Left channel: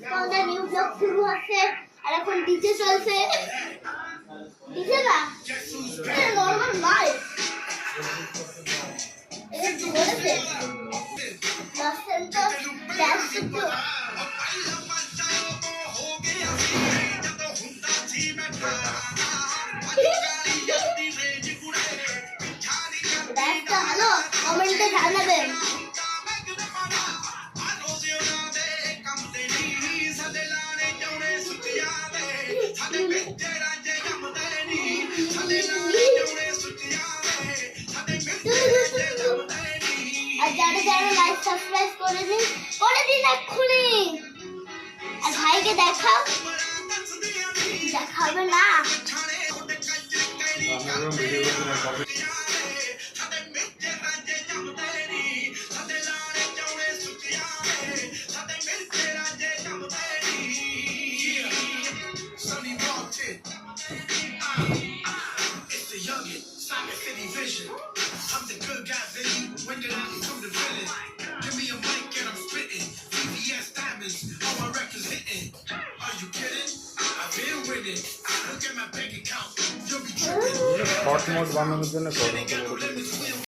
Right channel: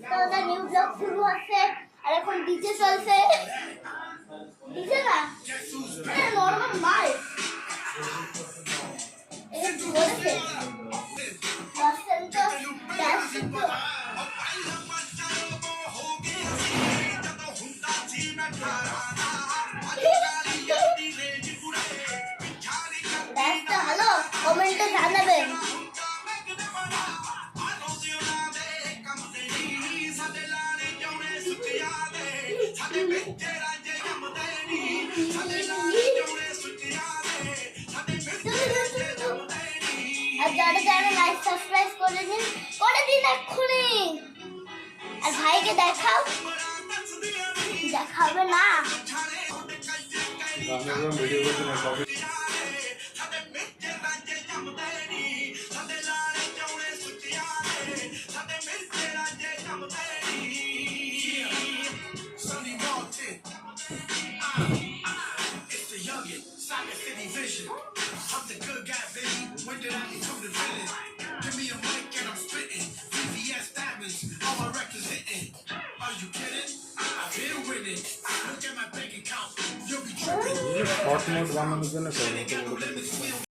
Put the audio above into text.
তো ওদের new blog শুরু হচ্ছে আর এখন ডিজে চলছে ডিজে না নর্মাল মাইক এই বলেছে দর্শন তো ড্যান্স করতে ড্যান্সটা ভালো কমেন্টে জানাবেন আর যারা যারা লাইক সাবস্ক্রাইব করে দিন এক্ষুনি আর ভাইকে দেখাবে না I'm the good guy, baby. When did I become the villain? Give me a mic and I'm spitting. VVS diamonds, all my records hitting. Are you kidding? I've been winning. Look at my bank account. You'll be tripping. Hot mode বানানোর জন্য